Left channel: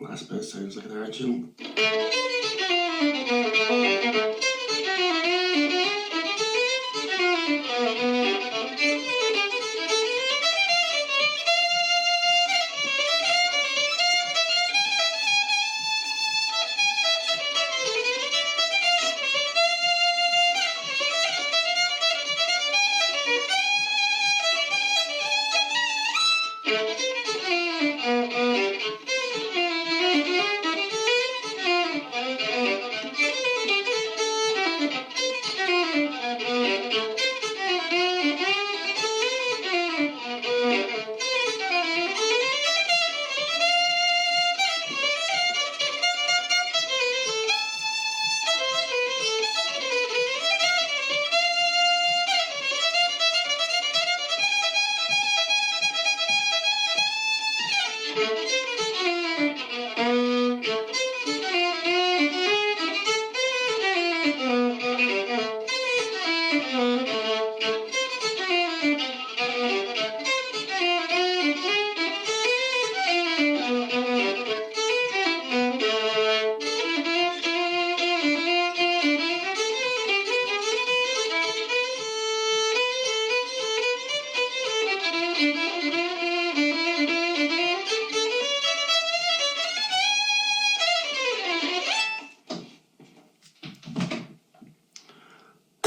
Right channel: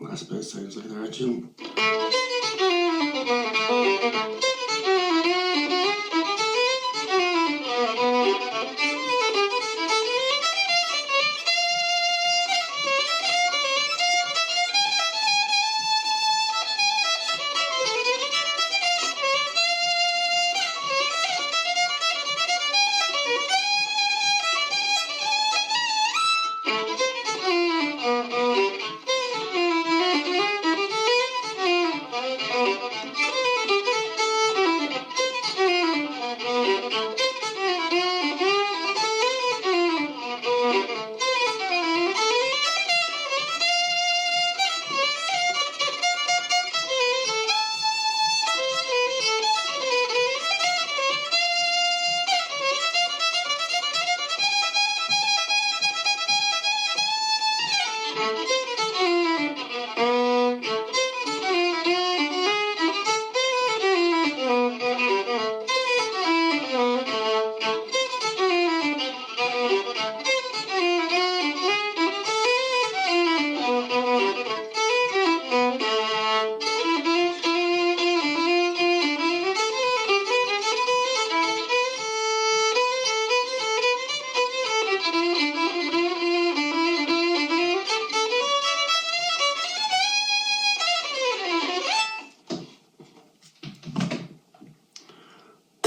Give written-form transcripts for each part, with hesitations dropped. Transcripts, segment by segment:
Last bit sounds like an arching.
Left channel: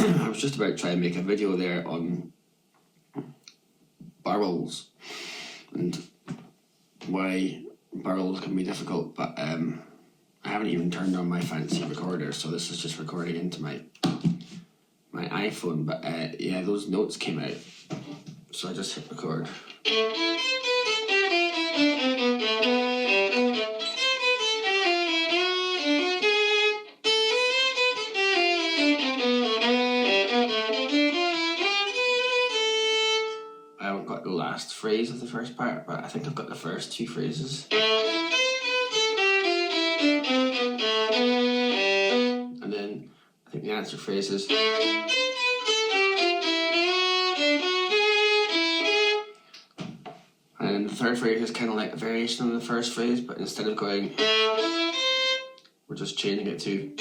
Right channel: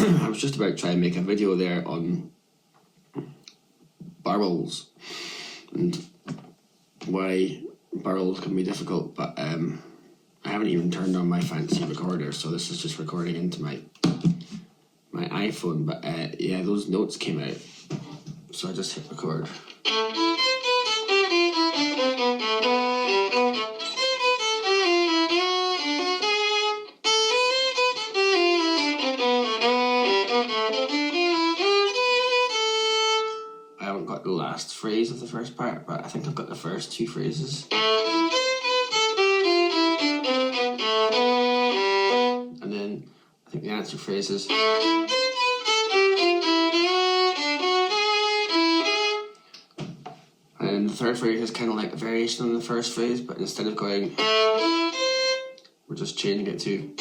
I was just about to try and make a video there on barrels and why barrels can be difficult, but I haven't even turned on my fancy recorder, so this is just recording into my iPhone. But yeah, those notes came out, so I just hit record. I haven't got the last phrase of the first part, but I think I've got the first two phrases. And then I think the answer phrase is. And the third phrase is kind of like a variation on the first phrase, but instead of going, we're just changing it to.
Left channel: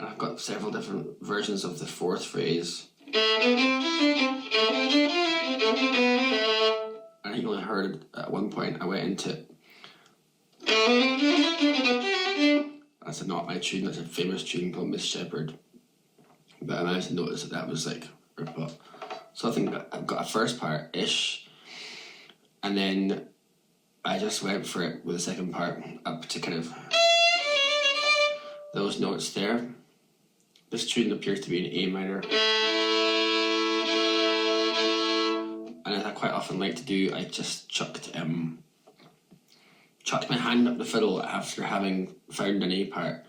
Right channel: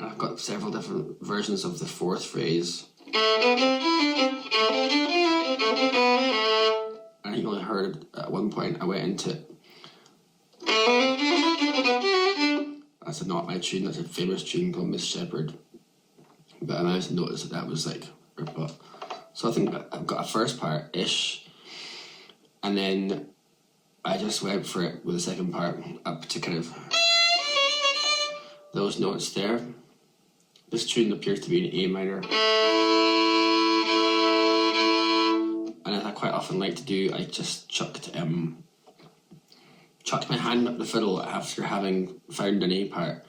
I've got several different versions of the fourth phrase. I think you only heard it at one point. I went into. That's not my tune. That's a famous tune called Miss Shepherd. But I managed to notice that was like. So I think I've got a first part ish, and then I just went for it with the second part up to kind of those notes there. This tune appears to be in A minor, and it's a quite often like to do, I just chucked my hand up the fiddle after having found an A part.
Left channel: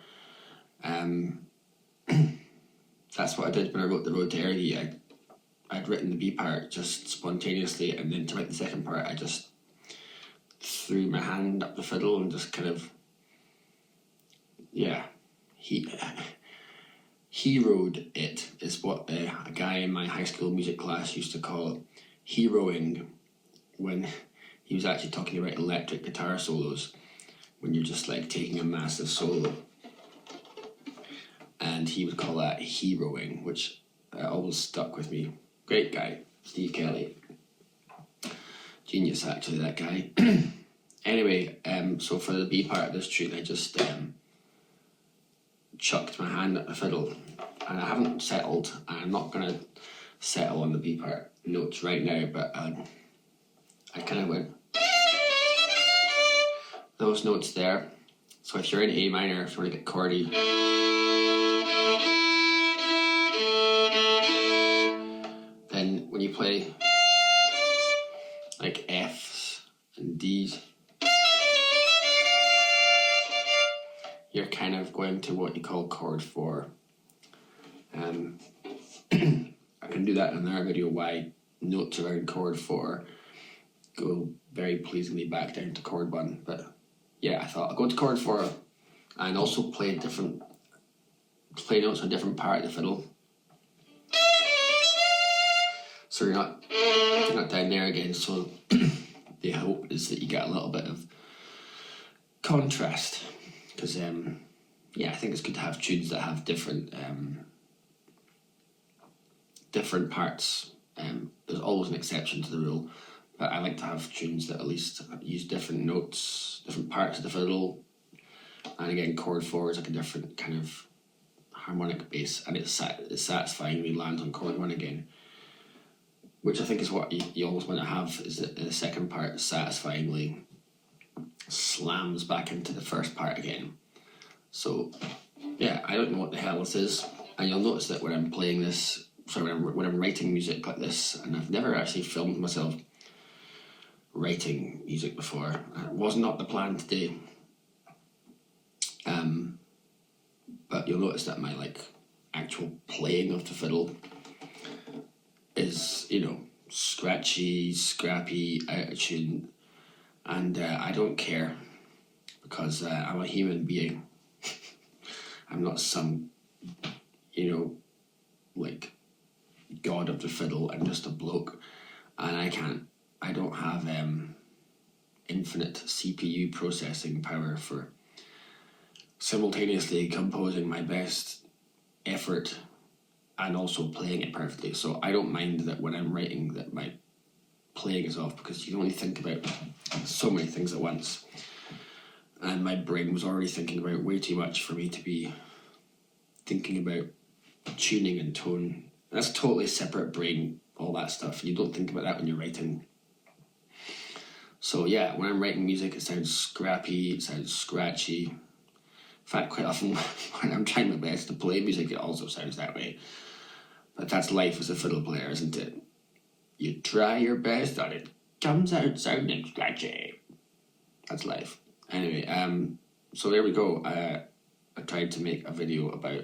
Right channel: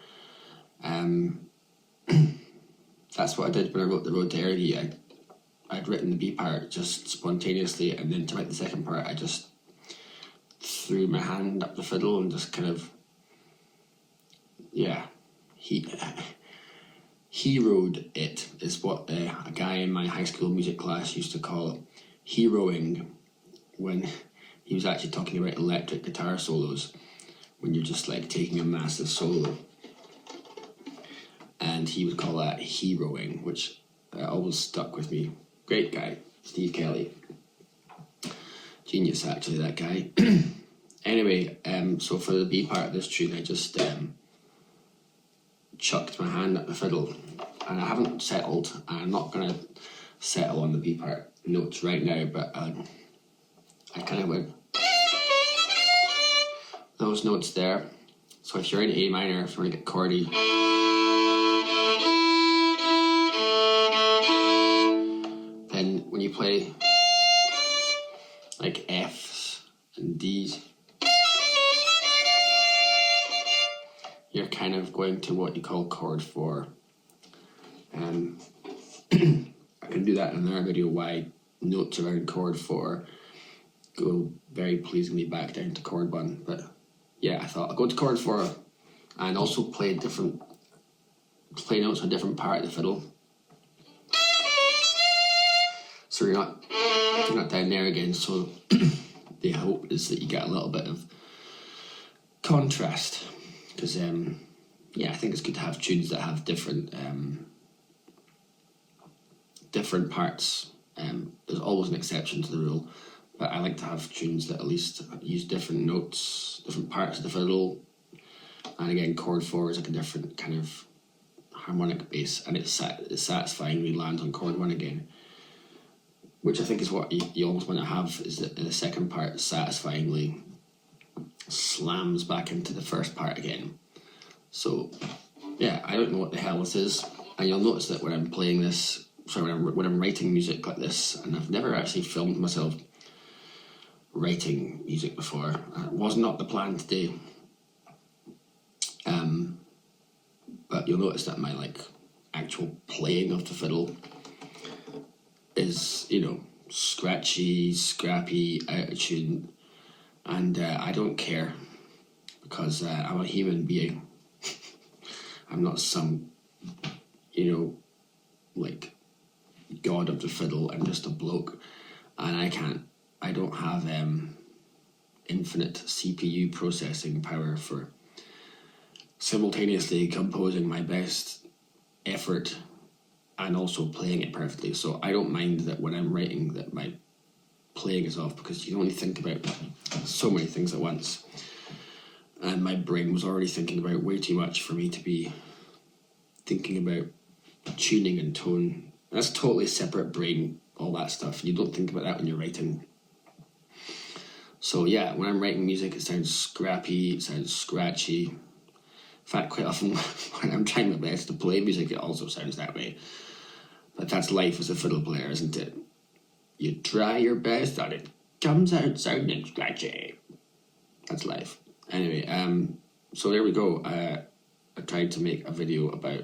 That's what I did when I wrote the Road to Ergie. I'd written the B part just spontaneously, and then to write the second part, I just threw my hand up the fiddle and just kind of, yeah, heroed it is what a guy in my high school music class used to call it, heroing, when he was actually talking about electric guitar solos, when you're just like taking a massive solo. And he would call that heroing, which always stuck with me. Great guy, Steve Kelly. Genius, actually, that guy. Anyway, so for the B part of this tune, I just chucked my hand at the fiddle, and I haven't settled. I'm not going to settle on the B part notes right now, but I kind of went those notes there. So if you're in A minor, if you want to get chordy, then when you play like F's and D's, you're kind of going to what you call chord 4. I can do that in another video, why notes around chord 4 go very pleasingly back down to chord 1. But yeah, I thought I'll go to chord 4 and also play notes on a different part of the fiddle. So you're not down there again. So the hope is that you get a little bit of contrast, because I think it's good to have tunes that have different parts. There's always an exception to the rule, but I like to have tunes that at least use different notes, different parts of the fiddle. And again, chord 4 is like a different kind of harmonic bass, and it satisfyingly lands on chord 1 again, which I think is what you always want to have, is that the second part satisfyingly slams back into the first part again. So yeah, I don't know what the hell this is, and you'll notice that when I'm playing this, when I'm writing music like this, and I've never actually filmed myself writing music before. It was not the plan today. But you'll notice that my actual playing of the fiddle is, scratchy, scrappy, out of tune, and I don't care, because I'm a human being. I'm not some, god of the fiddle. I'm just a bloke, and I don't have infinite CPU processing power for simultaneously composing my best effort and also playing it perfectly. So I don't mind that when I'm writing that my playing is off, because you can only think about so many things at once, and my brain was already thinking about way too much for me to be thinking about tuning and tone. That's a totally separate brain, all that stuff. You don't think about that when you're writing. So yeah, when I'm writing music, it sounds scrappy, it sounds scratchy. In fact, quite often when I'm trying my best to play music, it also sounds that way. But that's life as a fiddle player, isn't it? You try your best and it comes out sounding scratchy. That's life. Anyway, so there we go. I tried to make a video about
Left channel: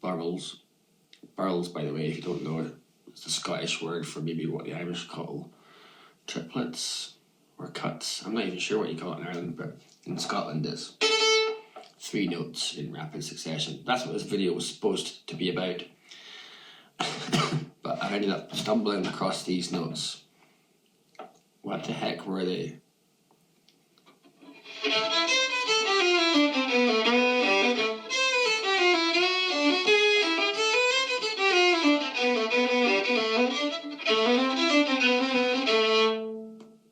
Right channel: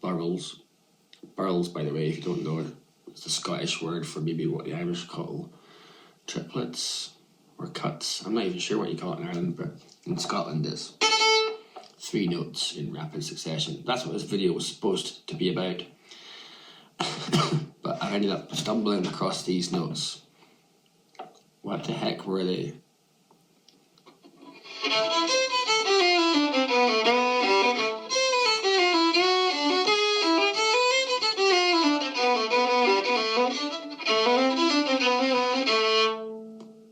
burls. Burls, by the way, if you don't know it, it's the Scottish word for maybe what the Irish call triplets or cuts. I'm not even sure what you call it in Ireland, but in Scotland it's 3 notes in rapid succession. That's what this video was supposed to be about. But I ended up stumbling across these notes. What the heck were they?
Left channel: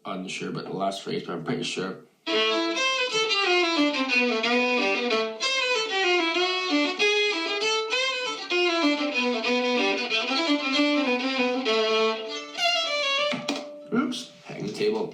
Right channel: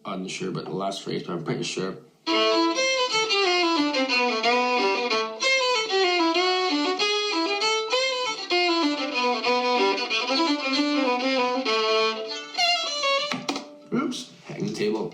Unsure about the last phrase, but I'm pretty sure. Oops, hitting the table.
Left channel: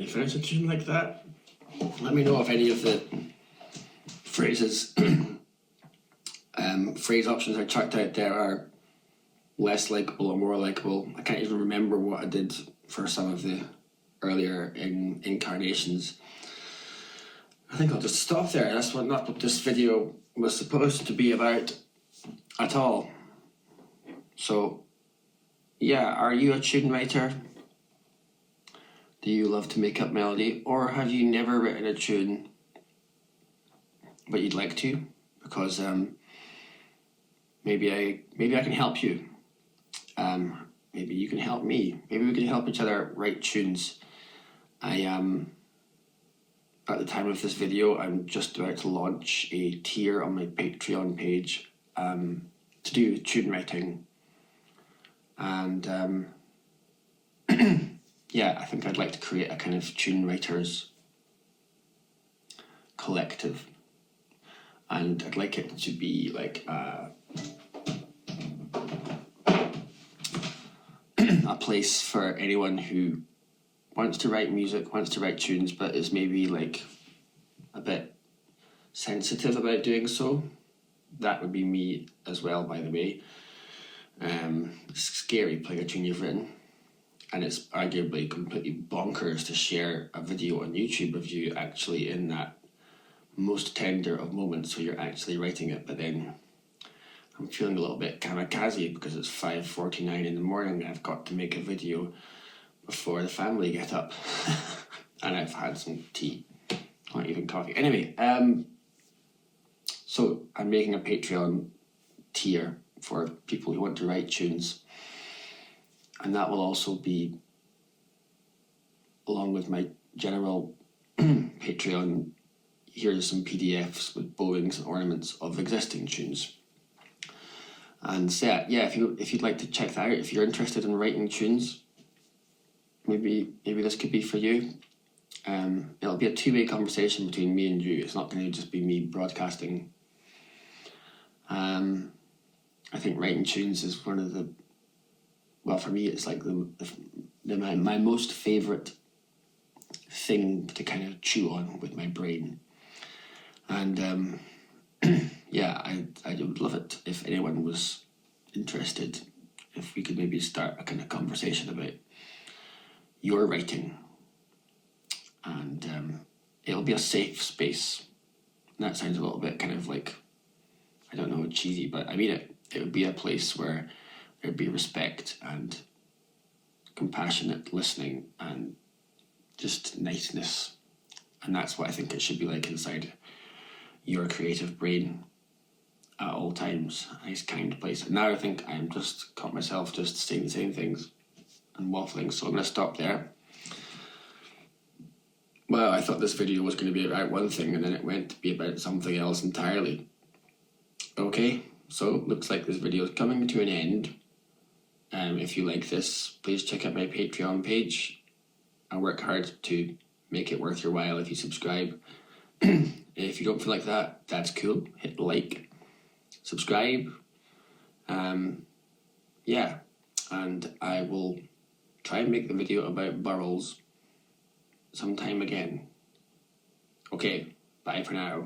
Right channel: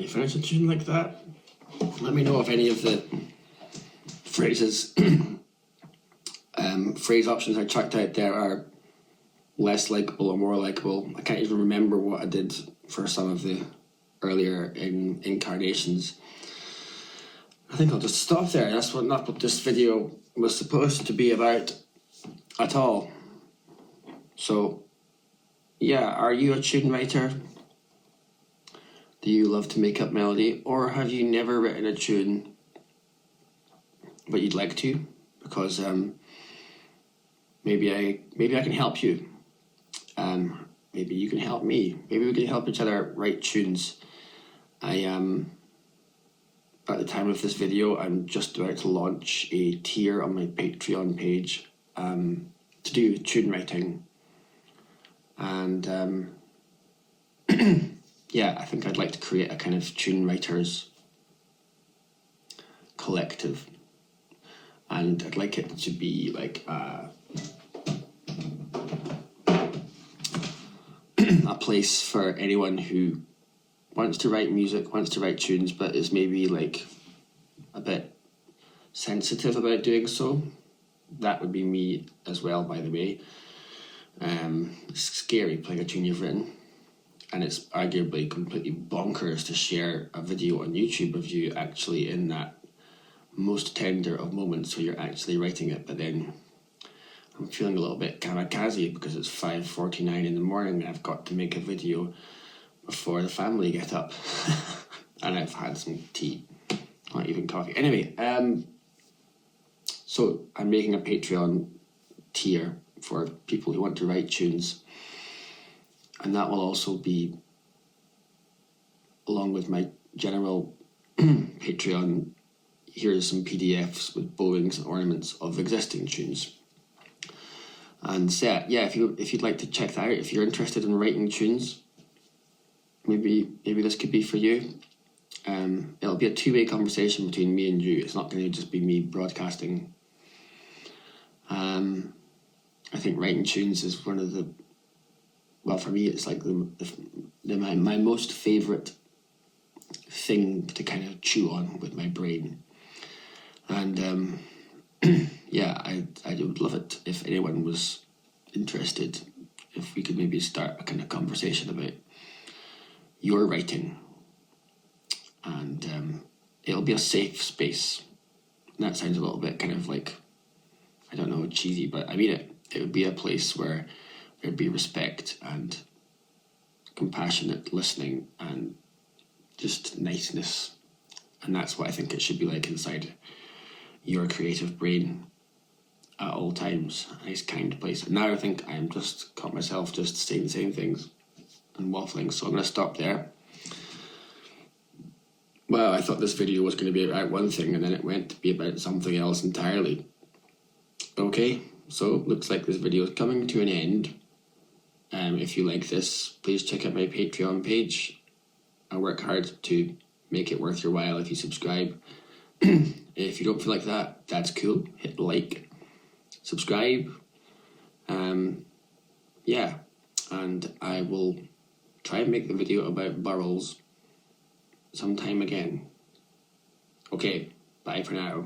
Have you finished a tune like that? Let me know if any of the phrases, phrase options I chucked out there are less likable or more likable. I can't even remember what I did for some of the earlier incarnations. I think I'll just stop there. That's not what this video was supposed to be about at all. So, yeah, are you a tune writer? Do you love to make up melody? Or have you never written a tune but you'd like to? Because maybe I can help you. Maybe you can help me. Maybe we can help each other write tunes. At the time of this video, I'm just about to launch a tier on my Patreon page to do tune writing. And yeah, I think I'd like to create a kind of tune writers collective. And I'd like it to be like a place for anyone who wants to write music, wants to write tunes, but is maybe like a bit sensitive about doing so. That would be me as well, by the way. It's scary playing a tune you've written, and it's arguably completely bonkers to share a video on YouTube of you actually in that most tender of moments where you're actually writing it, but then I'm feeling a little bit kamikaze because it's 5:49 in the morning and I've got to make a video before the family get up and I've had some tea, not even coffee. Anyway, so I'm making a Patreon tier for people who want to write tunes, and that will also be along with my general Patreon. Here's some PDFs with bowings and ornaments of existing tunes. And so, yeah, if you'd like to check that out, if you're interested in writing tunes, maybe this could be for you. It'll be a two-way conversation between me and you. It's not going to just be me broadcasting. I think writing tunes is one of the, well, for me, it's like my most favourite thing to kind of chew on with my brain. And yeah, I would love it if anyone was interested, if we could maybe start a kind of conversation about your writing. And it'll be a safe space. And that sounds a little bit kind of like, I don't know, cheesy, but I mean it. It would be a place where there'd be respect and compassionate listening and just niceness. And that's what I think it should be like inside your creative brain at all times. A nice, kind place. And now I think I'm just caught myself just saying the same things and waffling, so I'm going to stop there. Well, I thought this video was going to be about one thing, and then it went to be about something else entirely. Okay, so looks like this video is coming to an end. If you like this, please check out my Patreon page. I work hard to make it worth your while if you subscribe. If you don't feel like that, that's cool. Hit like, subscribe. Yeah, and I will try and make the video about burls sometime again. Okay, bye for now.